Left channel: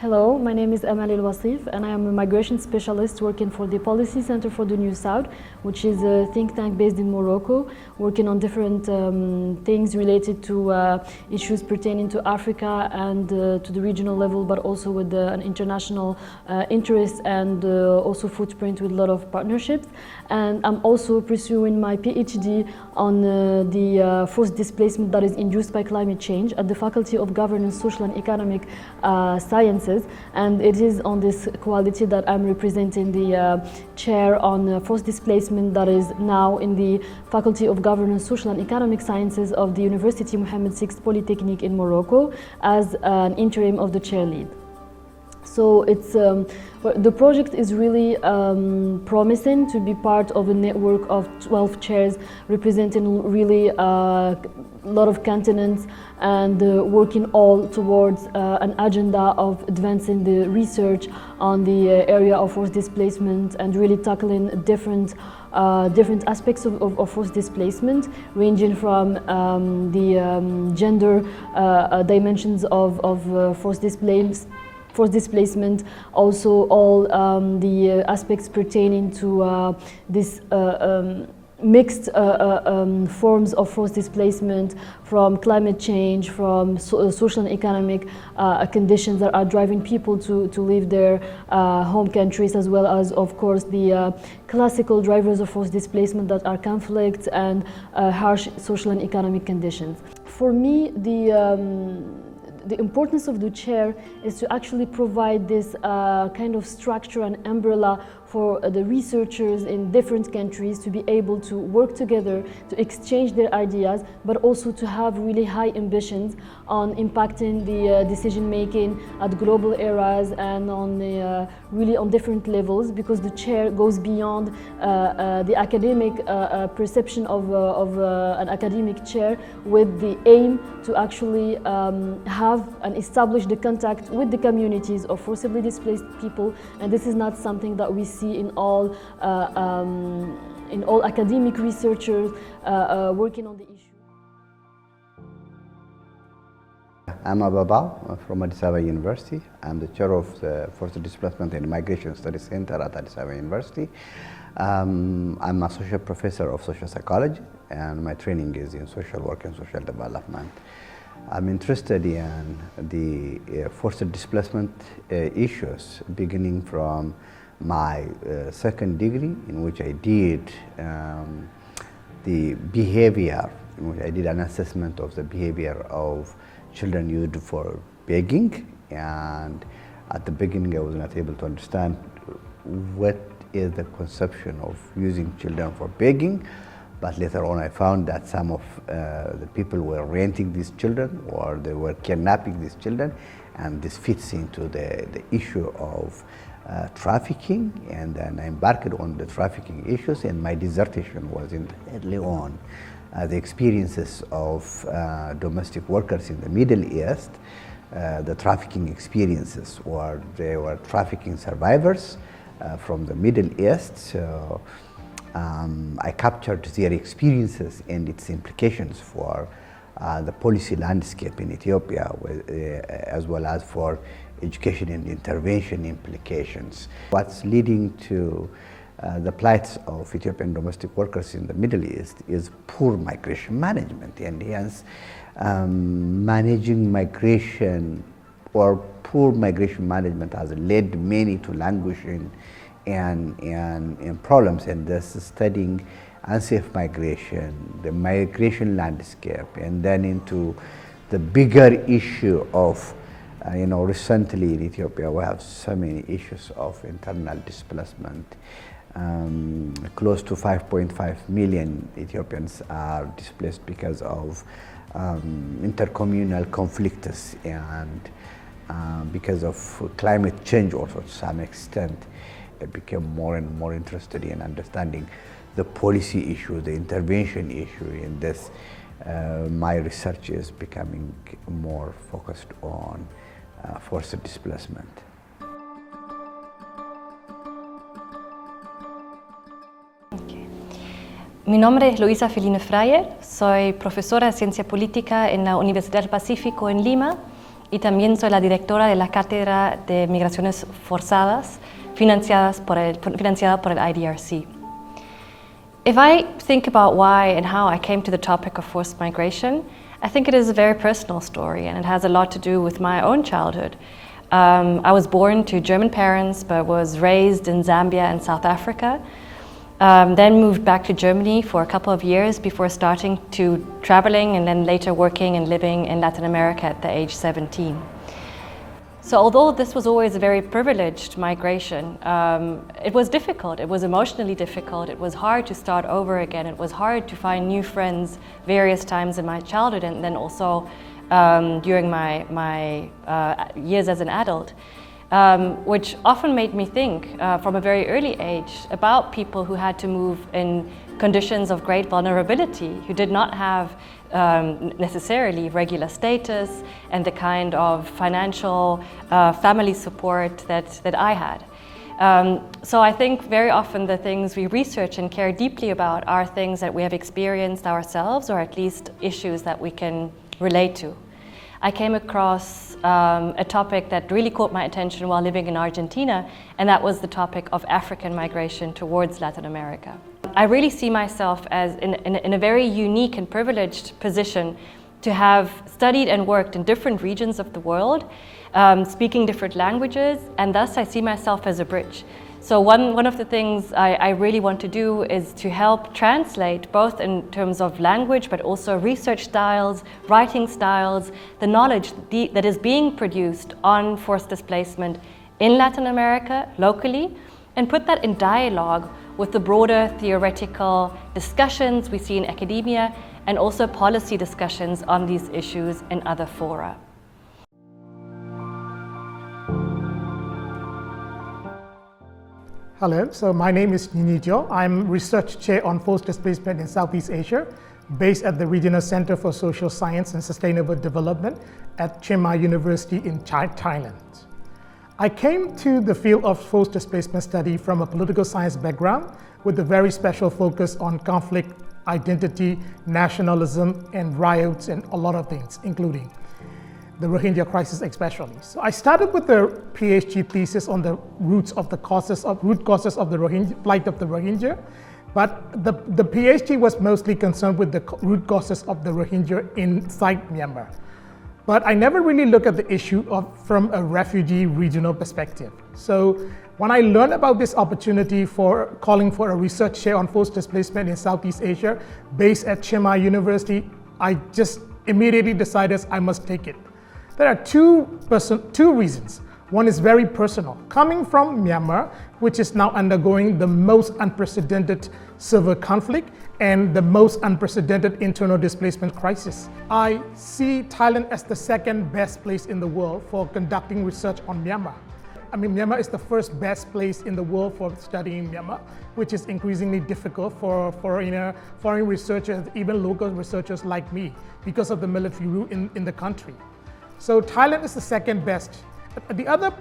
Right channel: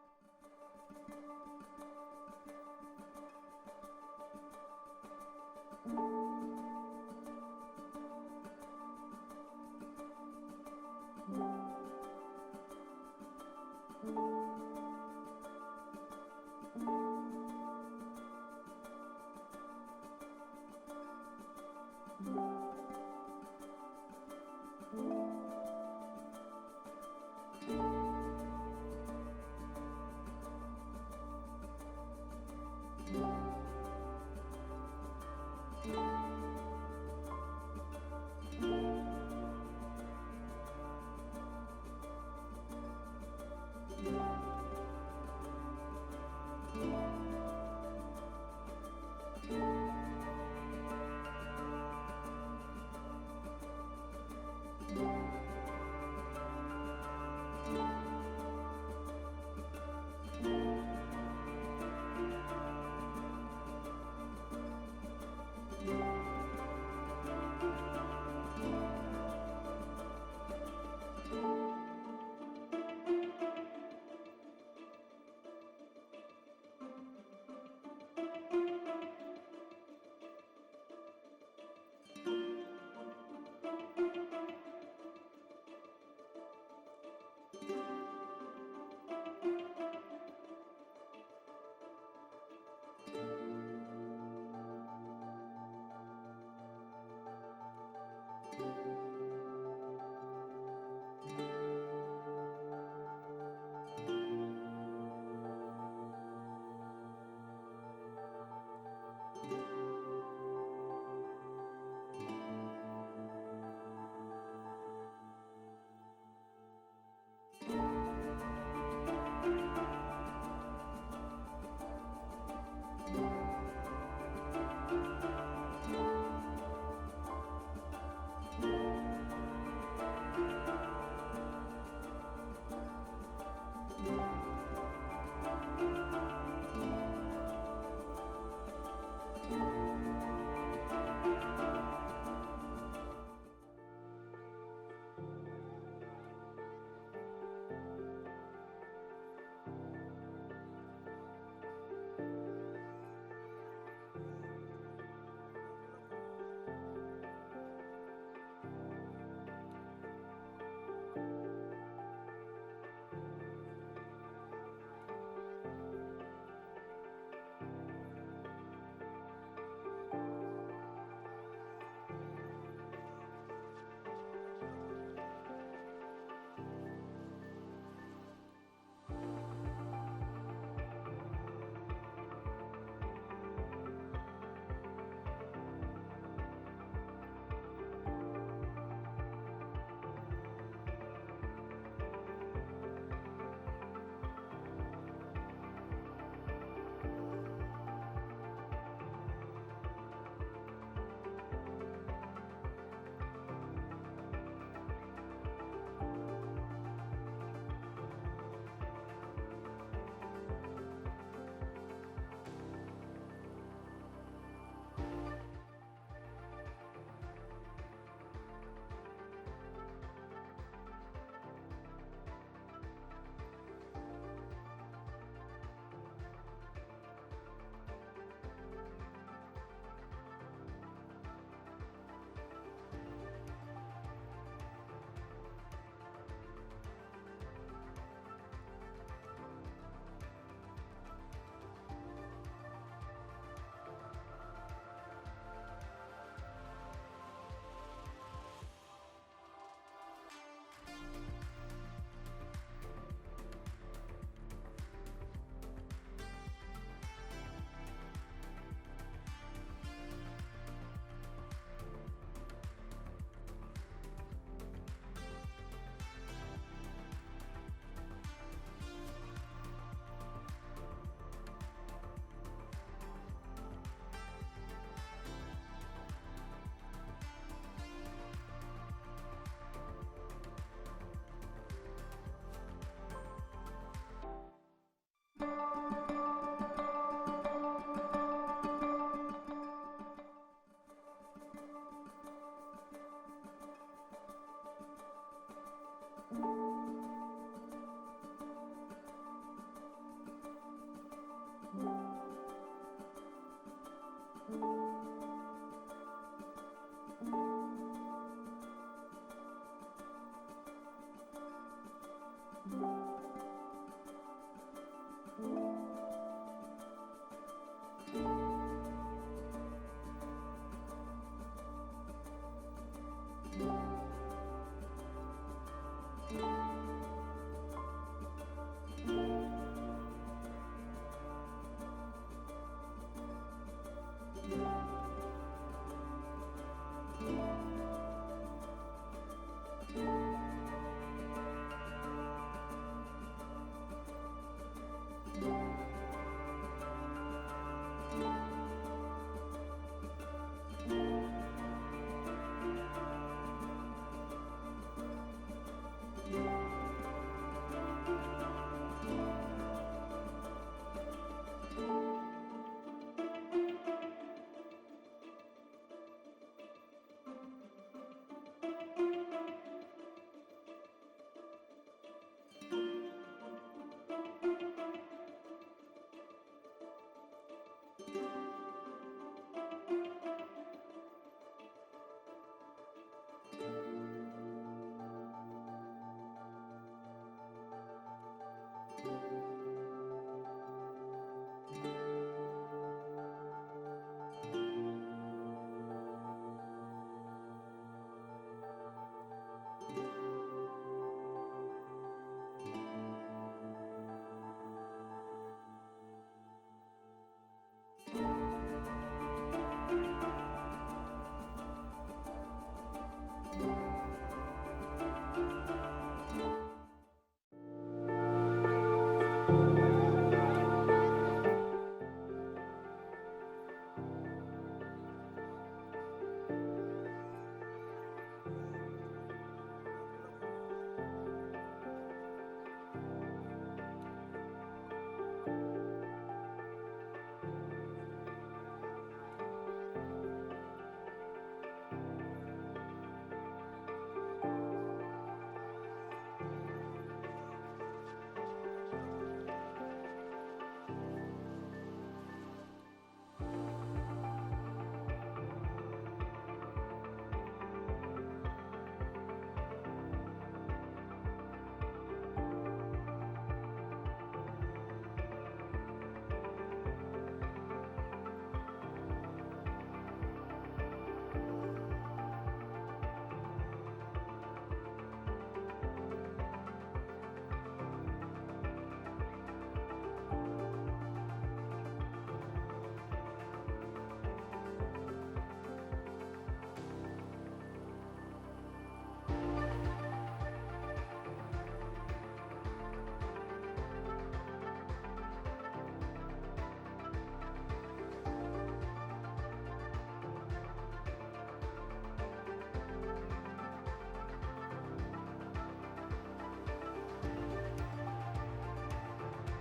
Hello, my name is Amal El Wasif and I am a migration specialist working for the Policy Center for the New South, which is a think tank based in Morocco, working on different things related to issues pertaining to Africa and to the regional level, but also with an international interest and also footprint with a lot of partnerships. And I'm also pursuing my PhD on the forced displacement that is induced by climate change at the Faculty of Governance, Social and Economic Sciences. And it is on this quality that I'm representing the chair on forced displacement that is now in the Faculty of Governance, Social and Economic Sciences of the University Mohammed VI Polytechnic in Morocco as an interim of the chair lead. So it's the project is really promising to be part of a network of 12 chairs representing really a lot of continents and working all towards an agenda of advancing the research on the area of forced displacement and really tackling different aspects of forced displacement, ranging from the gender dimensions of forced displacement, also all the aspects pertaining to this mixed forms of forced displacement, from climate change, from social and economic conditions that are driving people to leave their home countries, as well as, of course, the classical drivers of forced displacement that are conflict and harsh social and economic conditions. For me, the importance of the chair is to actually provide this kind of structure and umbrella for the researchers in different countries to be able to work together, to exchange their ideas, but also to have really high ambitions on impacting the decision making at global areas and on really on different levels, because the chair goes beyond the academic perception of an academic chair, with the aim to actually have and establish the contact with the communities of forcibly displaced people. And this is not something that we see in all academic researchers working on the issue. I'm Ababa from Addis Ababa University. I'm the chair of the Forced Displacement and Migration Studies Center at Addis Ababa University. I'm associate professor of social psychology, and my training is in social work and social development. I'm interested in the forced displacement issues, beginning from my second degree, in which I did the behavior, in which I did an assessment of the behavior of children used for begging. And at the beginning, I was not able to understand what is the conception of using children for begging. But later on, I found that some of the people were renting these children, or they were kidnapping these children, and this fits into the issue of trafficking. And then I embarked on the trafficking issues, and my dissertation was early on the experiences of domestic workers in the Middle East, the trafficking experiences, or they were trafficking survivors from the Middle East. So I captured their experiences and its implications for the policy landscape in Ethiopia, as well as for education and intervention implications. What's leading to the plights of Ethiopian domestic workers in the Middle East is poor migration management, and hence managing migration, or poor migration management, has led many to languishing and problems. And thus studying unsafe migration, the migration landscape, and then into the bigger issue of recently in Ethiopia we have so many issues of internal displacement. Close to 5.5 million Ethiopians are displaced because of intercommunal conflicts and because of climate change also to some extent. I became more and more interested in understanding the policy issue, the intervention issue in this. My research is becoming more focused on forced displacement. Mi nombre es Luisa Feline Freyer, soy profesora de Ciencia Política en la Universidad del Pacífico en Lima y también soy la directora de la Cátedra de Migraciones Forzadas, financiada por el IDRC. If I think about why and how I came to the topic of forced migration, I think it is a very personal story, and it has a lot to do with my own childhood. I was born to German parents, but was raised in Zambia and South Africa. Then moved back to Germany for a couple of years before starting to traveling and then later working and living in Latin America at the age 17. So although this was always a very privileged migration, it was difficult. It was emotionally difficult. It was hard to start over again. It was hard to find new friends various times in my childhood and then also during my years as an adult, which often made me think from a very early age about people who had to move in conditions of great vulnerability, who did not have necessarily regular status and the kind of financial family support that I had. So I think very often the things we research and care deeply about are things that we have experienced ourselves, or at least issues that we can relate to. I came across a topic that really caught my attention while living in Argentina, and that was the topic of African migration towards Latin America. I really see myself as in a very unique and privileged position to have studied and worked in different regions of the world, speaking different languages, and thus I see myself as a bridge. So one of the things I really want to do is to help translate, both in terms of language, but also research styles, writing styles, the knowledge that is being produced on forced displacement in Latin America, locally, and put that in dialogue with the broader theoretical discussions we see in academia, and also policy discussions on these issues in other fora. Hello, so my name is Nini Jo. I'm Research Chair on Forced Displacement in Southeast Asia, based at the Regional Center for Social Science and Sustainable Development at Chiang Mai University in Thailand. I came to the field of forced displacement study from a political science background with a very special focus on conflict, identity, nationalism, and riots, and a lot of things, including the Rohingya crisis especially. So I started with the PhD thesis on the root causes of the Rohingya, plight of the Rohingya, but the PhD was mostly concerned with the root causes of the Rohingya inside Myanmar. But I never really looked at the issue from a refugee regional perspective. So when I learned about this opportunity for calling for a research chair on forced displacement in Southeast Asia based at Chiang Mai University, I just immediately decided I must take it. There are two reasons. One is very personal. Coming from Myanmar, which is now undergoing the most unprecedented civil conflict and the most unprecedented internal displacement crisis, I see Thailand as the second best place in the world for conducting research on Myanmar. I mean, Myanmar is the first best place in the world for studying Myanmar, which is increasingly difficult for foreign researchers, even local researchers like me, because of the military rule in the country. So Thailand is the second best. The other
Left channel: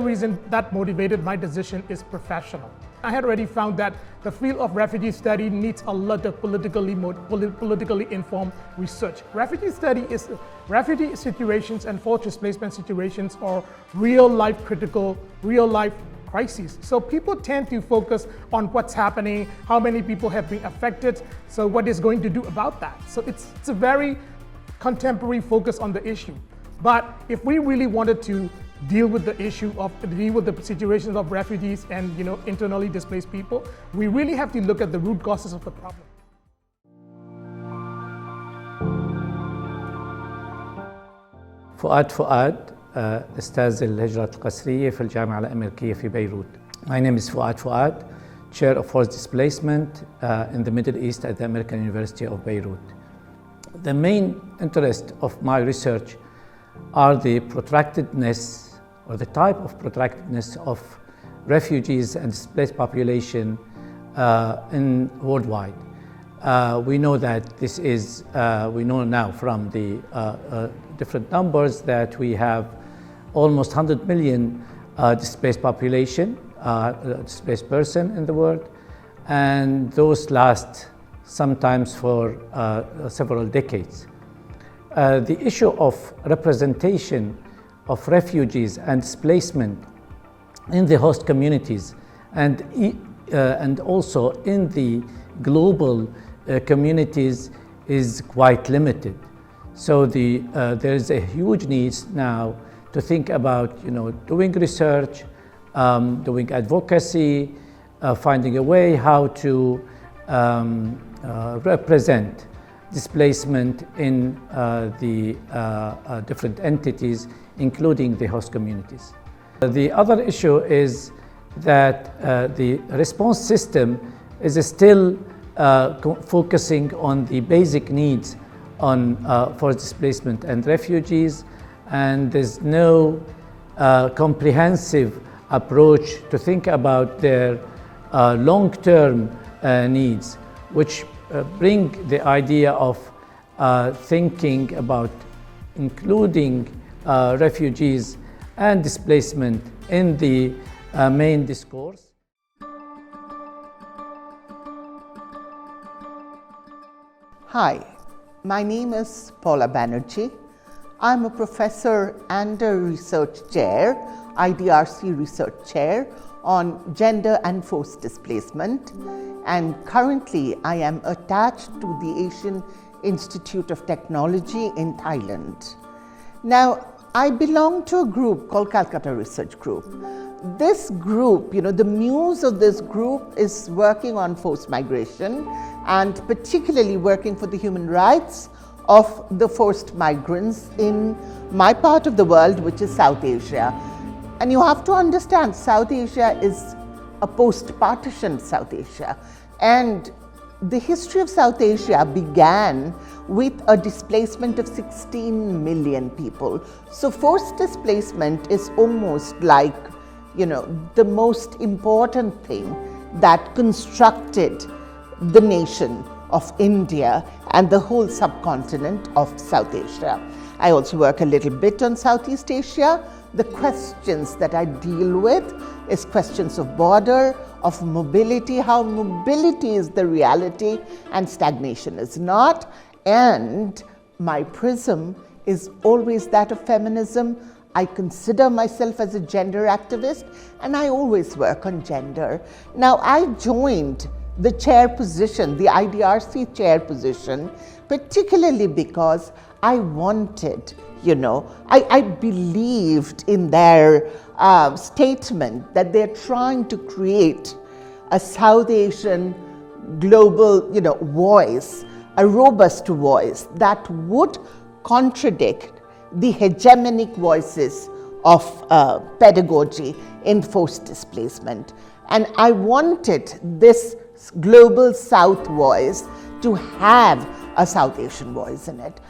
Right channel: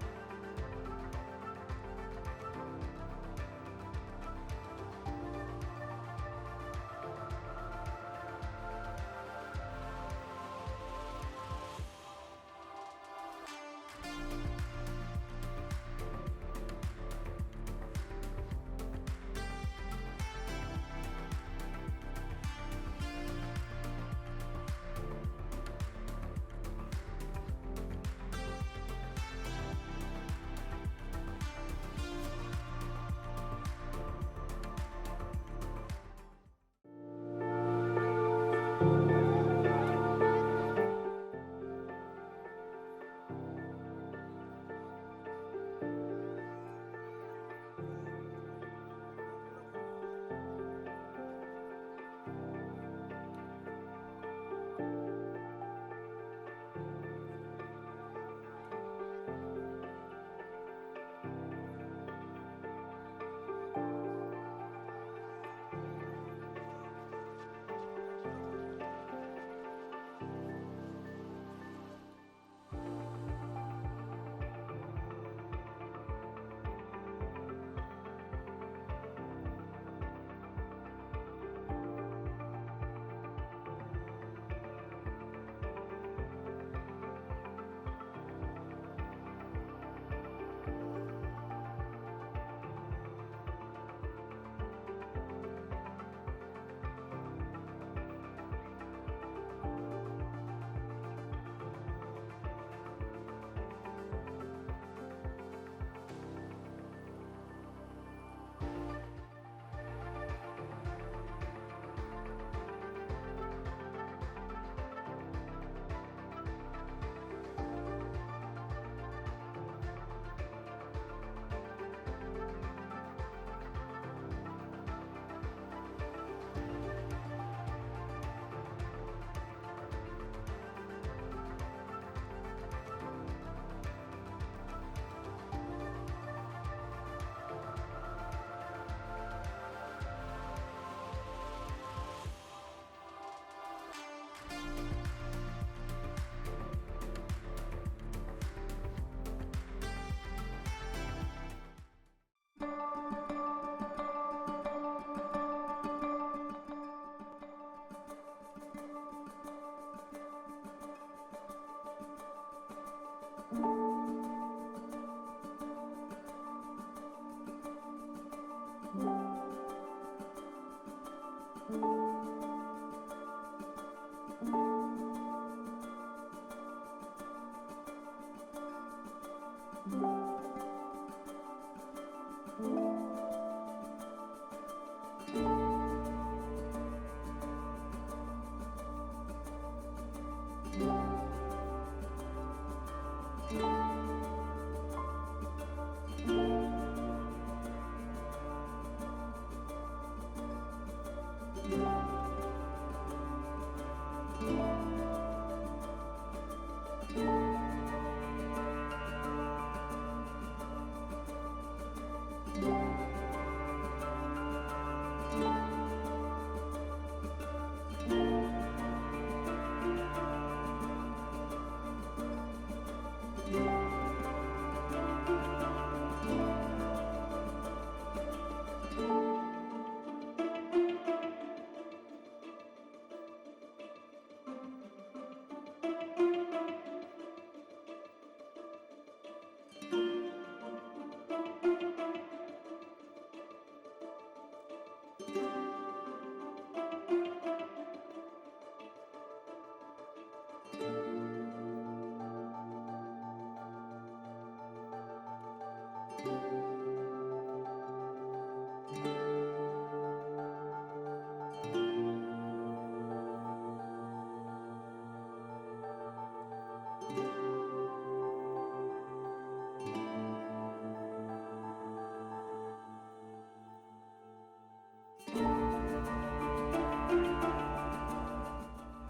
reason that motivated my decision is professional. I had already found that the field of refugee study needs a lot of politically informed research. Refugee situations and forced displacement situations are real-life crises. So people tend to focus on what's happening, how many people have been affected, so what is going to do about that. So it's a very contemporary focus on the issue. But if we really wanted to deal with the situations of refugees and internally displaced people, we really have to look at the root causes of the problem. فؤاد أستاذ الهجرة القسرية في الجامعة الأمريكية في بيروت. My name is Fouad, Chair of Forced Displacement in the Middle East at the American University of Beirut. The main interest of my research are the protractedness or the type of protractedness of refugees and displaced population worldwide. We know that this is, we know now from the different numbers that we have almost 100 million displaced population, displaced person in the world, and those last sometimes for several decades. the issue of representation of refugees and displacement in the host communities and also in the global communities is quite limited. So there is a huge need now to think about doing research, doing advocacy, finding a way how to represent displacement in the different entities, including the host communities. The other issue is that the response system is still focusing on the basic needs for displacement and refugees, and there's no comprehensive approach to think about their long-term needs, which bring the idea of thinking about including refugees and displacement in the main discourse. Hi, my name is Paula Banerjee. I'm a professor and a research chair, IDRC research chair on gender and forced displacement, and currently I am attached to the Asian Institute of Technology in Thailand. Now, I belong to a group called Calcutta Research Group. This group, the muse of this group is working on forced migration and particularly working for the human rights of the forced migrants in my part of the world, which is South Asia. And you have to understand, South Asia is a post-partition South Asia. And the history of South Asia began with a displacement of 16 million people. So forced displacement is almost like, the most important thing that constructed the nation of India and the whole subcontinent of South Asia. I also work a little bit on Southeast Asia. The questions that I deal with is questions of border, of mobility, how mobility is the reality and stagnation is not. And my prism is always that of feminism. I consider myself as a gender activist, and I always work on gender. Now, I joined the chair position, the IDRC chair position, particularly because I wanted, I believed in their statement that they're trying to create a South Asian global, voice, a robust voice that would contradict the hegemonic voices of pedagogy in forced displacement. And I wanted this global South voice to have a South Asian voice in it.